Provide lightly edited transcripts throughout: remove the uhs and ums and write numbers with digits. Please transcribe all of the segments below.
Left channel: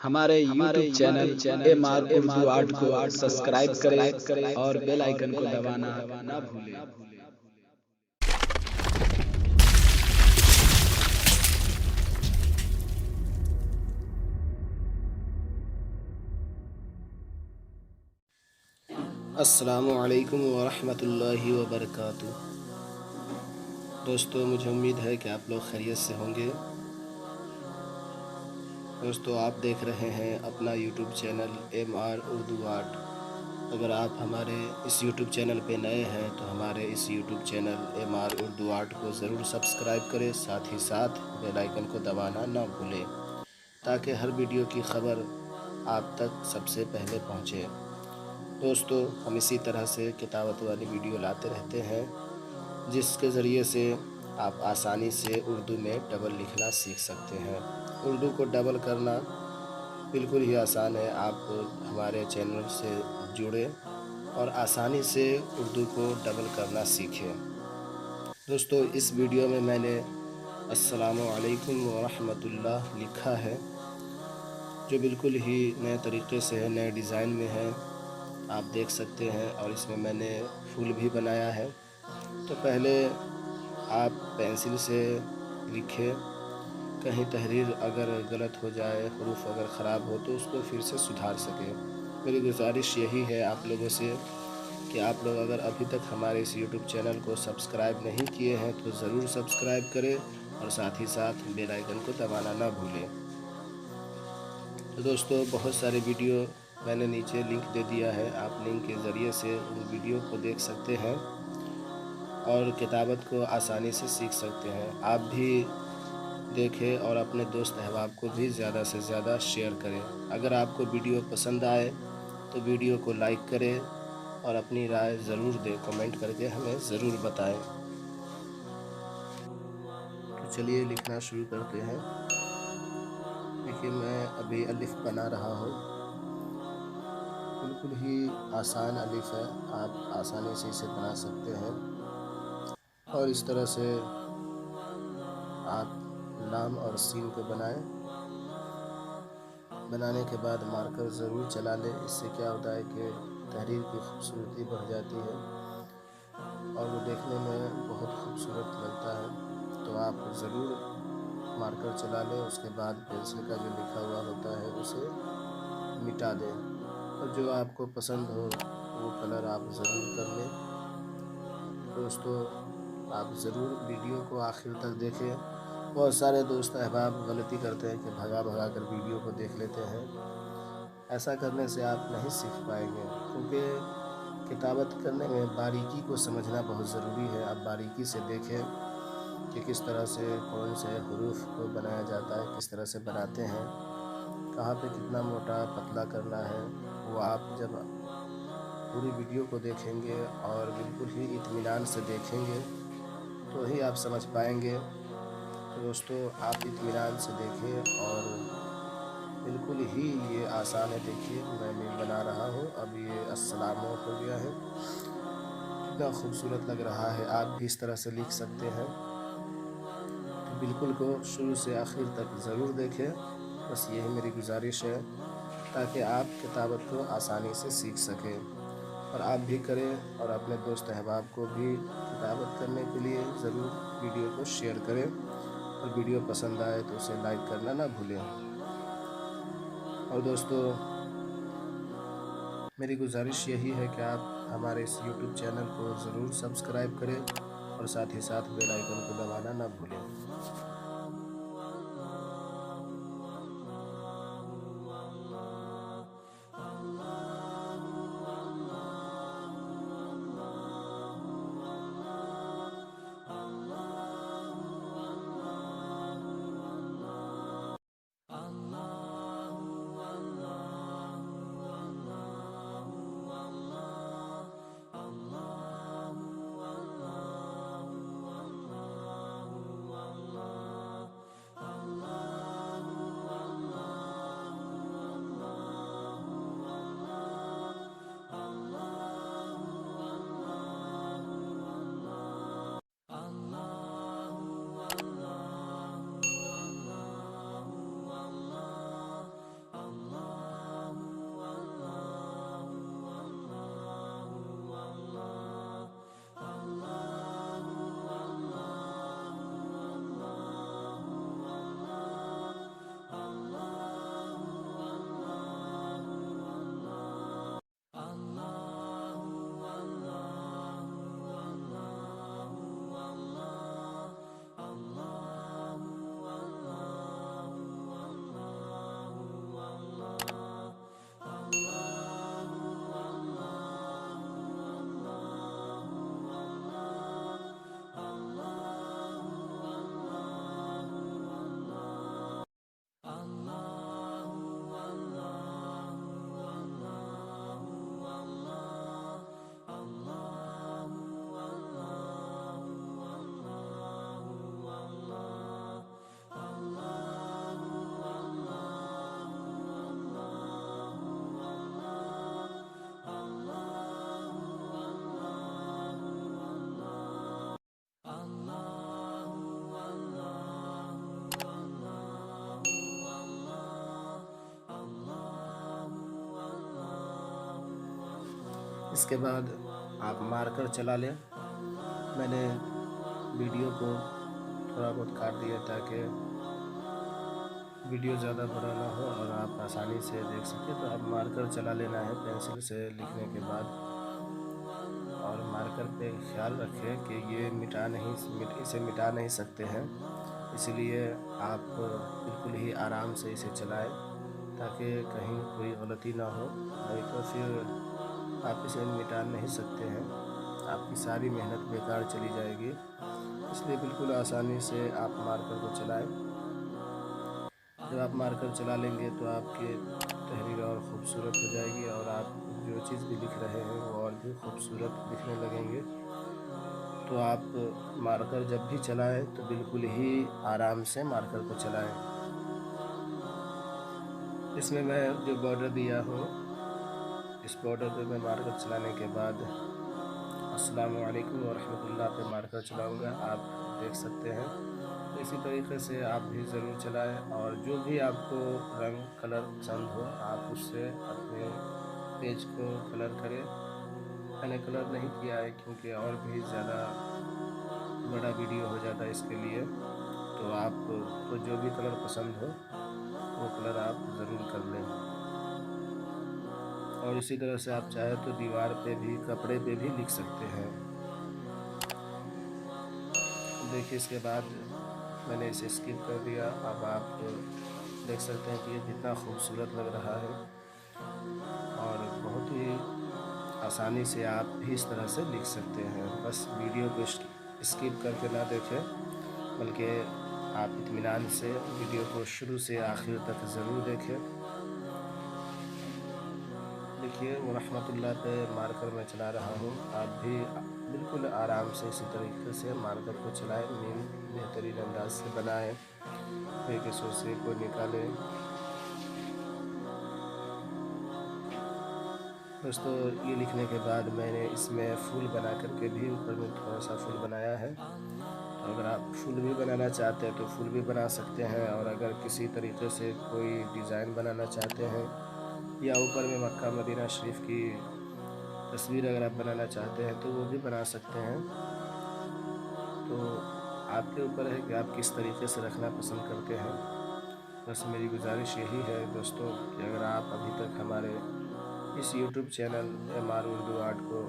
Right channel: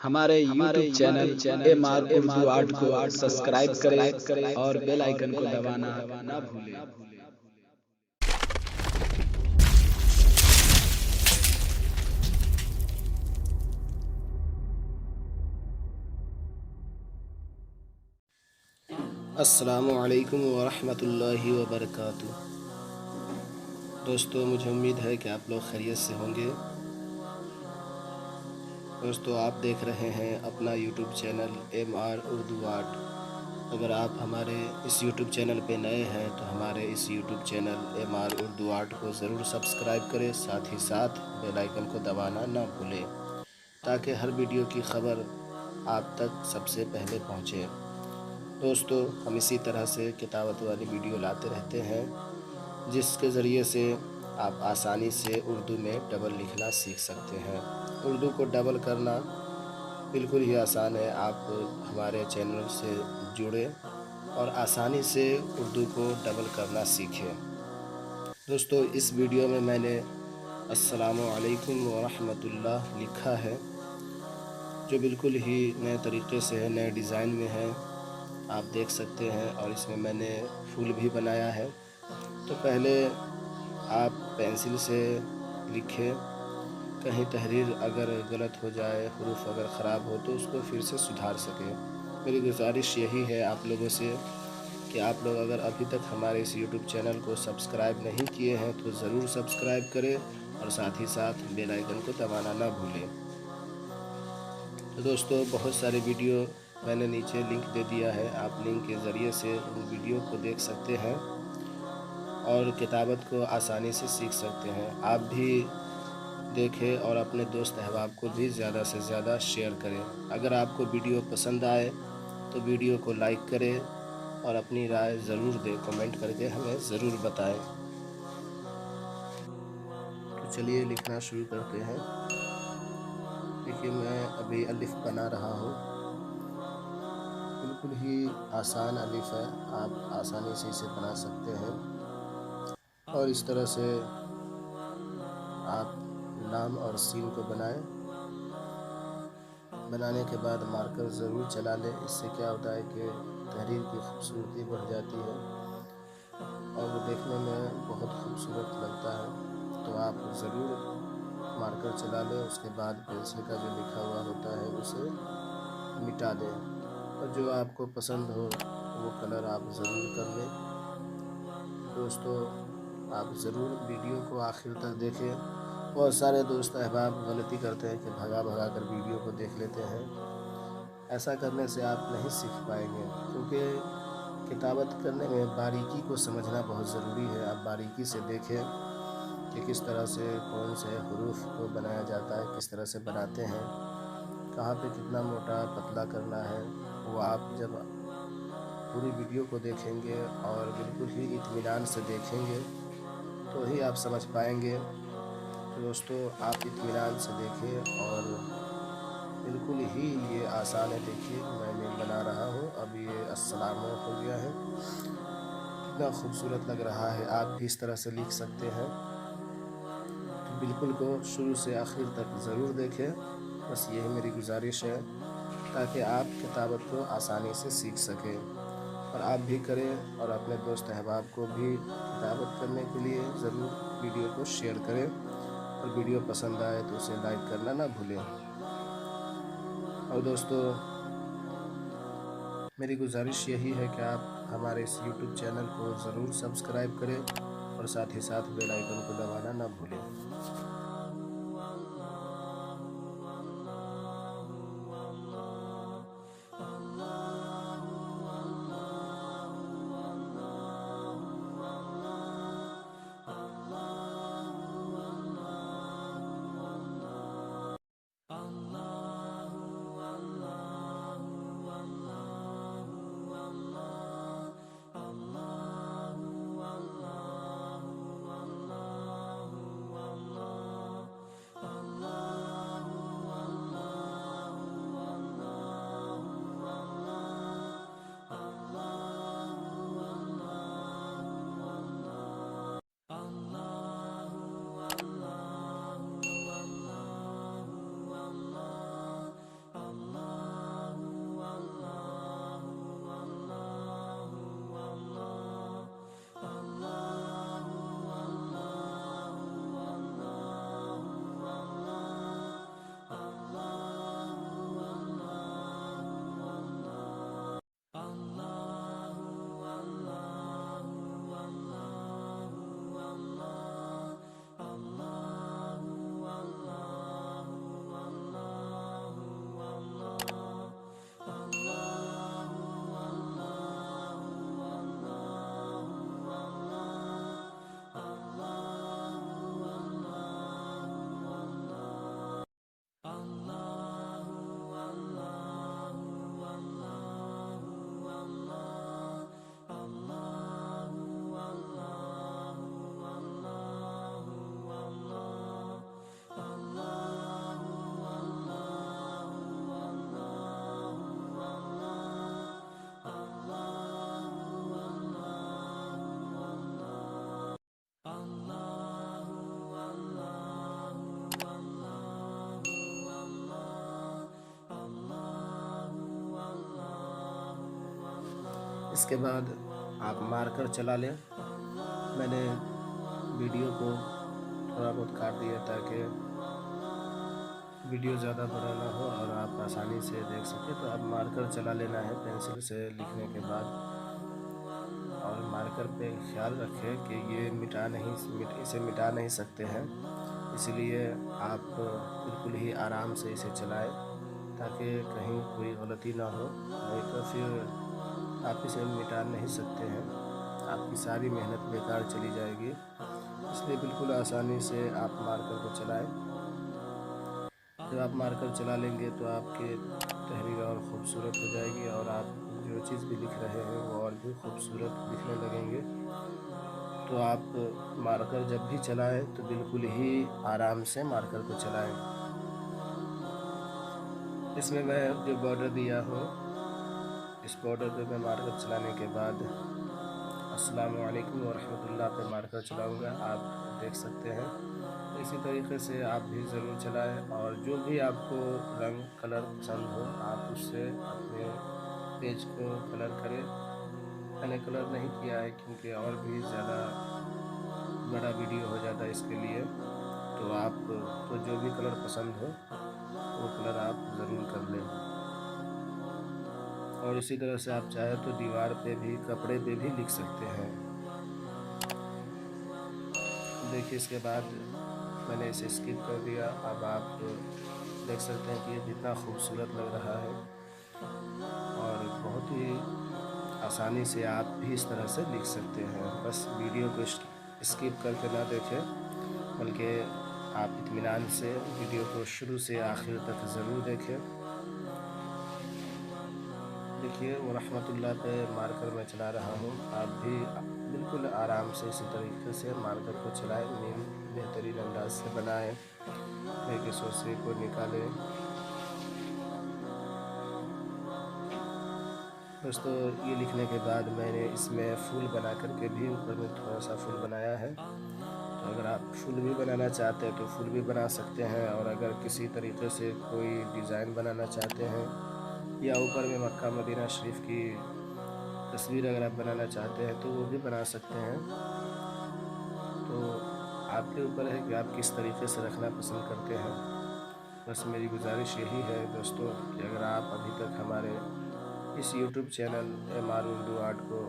ہمارے YouTube channel M R Urdu art کو subscribe کریں اور بیل آئیکن کو دبانا نہ بھولیں۔ السلام علیکم ورحمۃ اللہ وبرکاتہ۔ دوستو، مجھے امید ہے کہ آپ لوگ خیریت سے ہوں گے۔ دوستو، آپ دیکھ رہے ہیں اپنا YouTube channel M R Urdu art. اگر آپ ہمارے اس یوٹیوب چینل پہ نئے ہیں تو ہمارے اس YouTube channel M R Urdu art کو ضرور سبسکرائب کریں، ساتھ ہی ساتھ بیل آئیکن کو دبانا نہ بھولیں تاکہ ہر ویڈیو کی خبر آپ تک سب سے پہلے پہنچے۔ دوستو، ہم اسی طرح سے کتابت والی ویڈیو لاتے رہتے ہیں جس کے ذریعے سے آپ آسانی سے اردو میں ڈبل لکھنا سیکھ سکتے ہیں۔ اردو کو ڈبل کرنا بالکل ہی آسان ہے۔ آپ ہمارے چینل سے جڑیں اور آسانی سے اردو کو ڈبل کرنا سیکھیں۔ دوستو، اس ویڈیو میں نے السلام علیکم ورحمۃ اللہ لکھا ہے، جو بالکل ہی نئے طریقے سے ہے، نئے ڈیزائن میں ہے، آپ دیکھ سکتے ہیں۔ اور اس میں نے پھول بھی بنایا ہے۔ تو پہلے آپ پینسل سے لکھیں، کہیں تحریر اگر غلط ہو جائے، حروف اگر خراب ہو تو اس کو پھر سے سدھار سکیں۔ میری گزارش یہی ہے آپ لوگوں سے کہ آپ لوگ اگر ابھی تک ہمارے اس یوٹیوب چینل کو سبسکرائب نہیں کیے ہیں تو ضرور سبسکرائب کریں اور ساتھ ہی ساتھ بیل آئیکن کو دبانا نہ بھولیں۔ تو دوستو، بہت سارے ویڈیو میں نے نیچے لنک دے دیا ہے، آپ لنک کے ذریعے سے ان ویڈیو کو دیکھ سکتے ہیں اور کتابت کو آسانی سے سیکھ سکتے ہیں۔ آپ بھی دیکھیں اور اپنے دوست احباب کو بھی زیادہ سے زیادہ شیئر کریں۔ اگر آپ کو ویڈیو پسند آئے تو ویڈیو کو لائک کریں اور اپنی رائے ضرور دیں، کمنٹ کر کے ہمیں ضرور بتائیں۔ تو چلیے لکھنا شروع کرتے ہیں۔ دیکھیے، میں ابھی الف بنا رہا ہوں۔ بالکل ہی آسان الف ہے، آپ آسانی سے اسے بنا سکتے ہیں۔ اور اس طرح سے آپ لام اور سین کو بنائیں۔ بنانے کے بعد مارکر ضرور چلا لیں، اس سے کیا ہوتا ہے کہ تحریر کی خوبصورتی بڑھ جاتی ہے اور وہ دیکھنے میں بہت خوبصورت لگتا ہے۔ تو آپ ضرور مارکر چلا لیں، اس کے بعد پینسل کا جو لکھا ہوا ہوتا ہے اسے مٹا دیں اور جو آپ کو پسند ہو وہ کلر آپ ضرور کر لیں۔ دوستو، آپ ضرور ویڈیو کو آخر تک دیکھیں۔ بہت سارے دوست احباب غلطی کرتے ہیں کہ بھگا کر ویڈیو کو دیکھ لیتے ہیں۔ ایسا کرنے سے آپ نہیں سیکھ پائیں گے، کیونکہ کتابت کرنے میں باریکی کو سمجھنا بہت ضروری ہے۔ آپ باریکی سے دیکھیں کہ کس طرح سے کون سے حروف کو بنایا جاتا ہے، کس طرح سے بناتے ہیں، کہاں پہ کتنا موٹا پتلا کرنا ہے، وہ آپ جب پوری ویڈیو کو دیکھیں گے اور بالکل ہی اطمینان سے دیکھیں گے تو ہی آپ سمجھ پائیں گے۔ تو دوستو، آپ اطمینان سے دیکھیں اور بالکل ہی یہ آسان ہے۔ دیکھیے، میں بنا رہا ہوں، اب یہ السلام ہو گیا ہے، کتنا خوبصورت لگ رہا ہے۔ آپ بھی اس طرح سے لکھ سکتے ہیں۔ تو بالکل کو شروع سے آخر تک ضرور دیکھیں، بس یہی میری گزارش ہے تاکہ آپ کتابت کو آسانی سے سیکھ سکیں۔ اور آپ بھی کریں اور اپنے دوست احباب کو بھی کتابت کرنے کے لیے ضرور ویڈیو کو شیئر کریں، اور ویڈیو پسند آئے تو اسے لائک کرنا نہ بھولیں۔ اور دوستو، میری گزارش یہی ہے کہ آپ ہمارے اس یوٹیوب چینل کو ضرور سبسکرائب کریں اور ساتھ ہی ساتھ بیل آئیکن کو دبانا نہ بھولیں۔ اس کے بعد آپ مارکر چلا لیں۔ میں نے ویڈیو کو تھوڑا بہت کاٹ دیا تاکہ ویڈیو زیادہ بڑا نہ ہو اور آپ آسانی سے دیکھ سکیں۔ تو اب مارکر چلا لینا ہے پینسل سے لکھنے کے بعد، اور مارکر پہ خیال رکھیں کہ یہ اسے مٹا نہیں سکتے ہیں، اس لیے آپ بالکل ہی آرام سے اسے چلائیں تاکہ کہیں کوئی غلطی نہ ہو، نہیں تو پھر آپ اسے مٹا نہیں سکتے ہیں، آپ کی ساری محنت بیکار چلی جائے گی۔ اس لیے بالکل آسانی سے آپ مارکر کو چلائیں۔ جب آپ مارکر چلا لیں گے تو آپ کی تحریر اور خوبصورت ہو جائے گی، اور آپ جو چیز بھی لکھ رہے ہیں وہ اور بھی خوبصورت دکھنے لگیں گے۔ تو آپ مارکر جب بھی چلائیں تو بالکل ہی آرام سے مارکر کو چلائیں۔ اس میں جو بارڈر دیا ہوں، اس بارڈر پہ میں مارکر چلانے کے بعد السلام علیکم ورحمۃ اللہ پہ مارکر چلاؤں گا، آپ دیکھ سکتے ہیں۔ اسی طریقے سے آپ بھی ضرور چلائیں، اور جو بھی آپ کو رنگ کلر پسند ہو آپ اس سے اپنے پیج کو کلر کریں۔ میں نے کلر نہیں کیا ہے کیونکہ اور بھی زیادہ بڑا ویڈیو ہو جاتا ہے اس کے لیے، تو آپ کو جو بھی کلر پسند ہو وہ کلر آپ ضرور کر لیں۔ اور اسی طرح سے آپ چاہیں تو دیوار پہ بھی، کپڑے پہ بھی لکھ سکتے ہیں۔ دیکھیے اس کے بعد میں نے اسے اسکپ کر دیا۔ اب آپ دیکھ سکتے ہیں کہ یہ کتنا خوبصورت لگ رہا ہے، اور بہت ہی آسانی سے آپ بھی اس طرح سے لکھ سکتے ہیں۔ بس ویڈیو کو اسکپ کر کے نہ دیکھیں، بلکہ آپ اطمینان سے ویڈیو کو شروع سے آخر تک ضرور دیکھیں۔ دیکھیے ورحمۃ اللہ پہ مارکر میں چلا رہا ہوں، آپ بھی بالکل آرام سے اسی طریقے سے مارکر کو چلائیں، بہترین انداز سے بنائیں، ایک سوسے کو نکالیں۔ دوستو یہ لکھنے کے بعد میں نے اس میں پھول بنا کر کے بھی اوپر میں تھوڑا سا پھول بنایا ہے، تو اگر آپ پھول بھی بنانا چاہتے ہیں تو پھول بھی بنا سکتے ہیں، اور اگر کسی طریقے سے کوئی ڈیزائن بنانا چاہتے ہیں یا اوپر میں مکہ مدینہ شریف کی تصویر اگر آپ بنانا چاہتے ہیں تو وہ بھی بنا سکتے ہیں۔ تو آپ کے اوپر ہے کہ آپ کس طریقے سے رکھنا پسند کرتے ہیں۔ بس میری گزارش یہی ہے دوستو کہ اگر آپ ابھی تک ہمارے اس YouTube channel MR Urdu art کو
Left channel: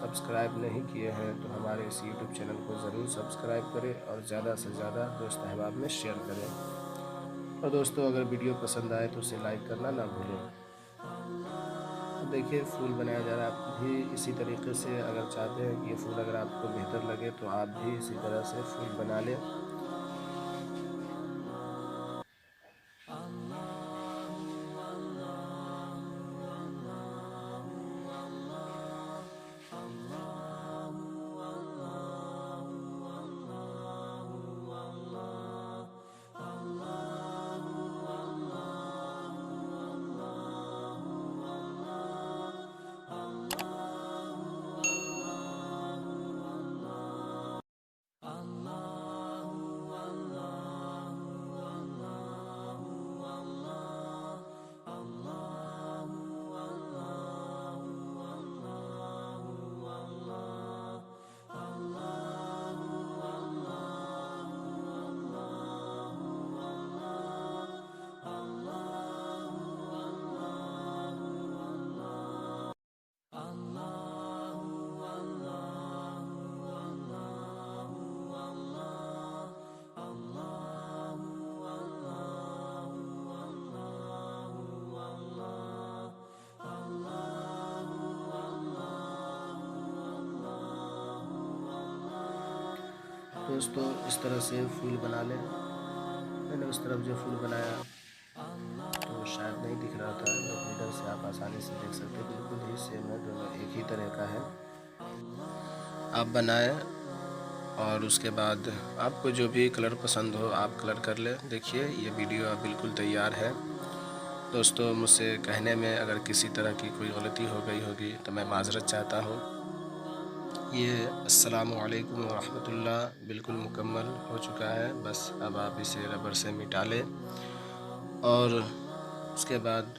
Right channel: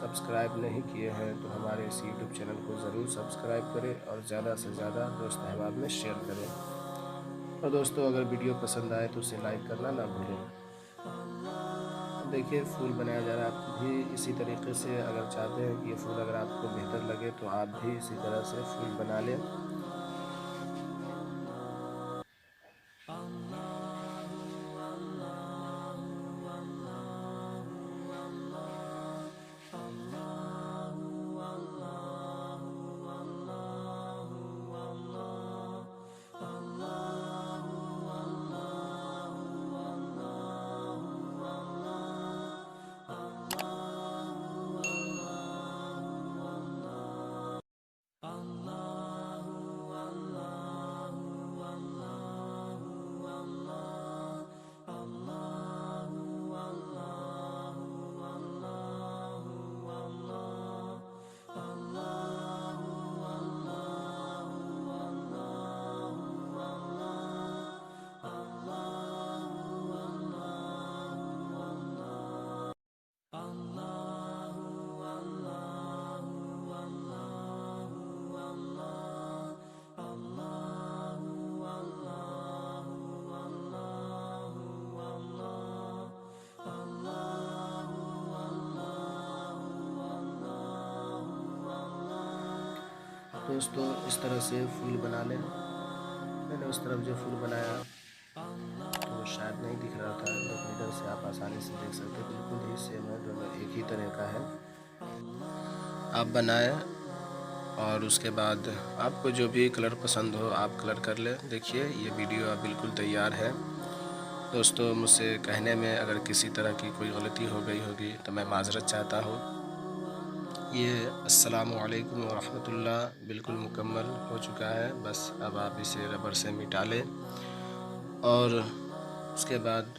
سبسکرائب نہیں کیے ہیں تو ہمارے اس یوٹیوب چینل کو ضرور سبسکرائب کریں، اور زیادہ سے زیادہ دوست احباب میں شیئر کریں۔ اور دوستو اگر ویڈیو پسند آئے تو اسے لائک کرنا نہ بھولیں۔ دیکھیے پھول بنایا جا رہا ہے، آپ بھی اسی طریقے سے اگر چاہتے ہیں کہ یہ پھول اگر آپ کو بہتر لگے تو آپ بھی اسی طرح سے پھول بنا لیں۔ دوستو اس طرح سے پھول بنا لیں۔ میں نے اس طرف جو پھول بنایا تو شاید نہیں دکھ رہا تھا، لیکن ادھر سے آپ آسانی سے دیکھ سکتے ہیں، بالکل ہی سیم ہے، دونوں ایک ہی طرح کا ہے۔ آپ بنائیں اور اس کے بعد آپ کو جو بھی کلر پسند ہو آپ کلر کر لیں۔ دیکھیے یہ ویڈیو اب بالکل تیار ہے۔ دوستو مجھ سے کہنے میں اگر کسی طرح کی کوئی غلطی ہو گئی ہوگی تو میں معذرت چاہتا ہوں۔ یہ السلام علیکم ورحمۃ اللہ بالکل مکمل ہو چکا ہے، بس اب آپ اسے ربر سے مٹا لیں، اور اس کے بعد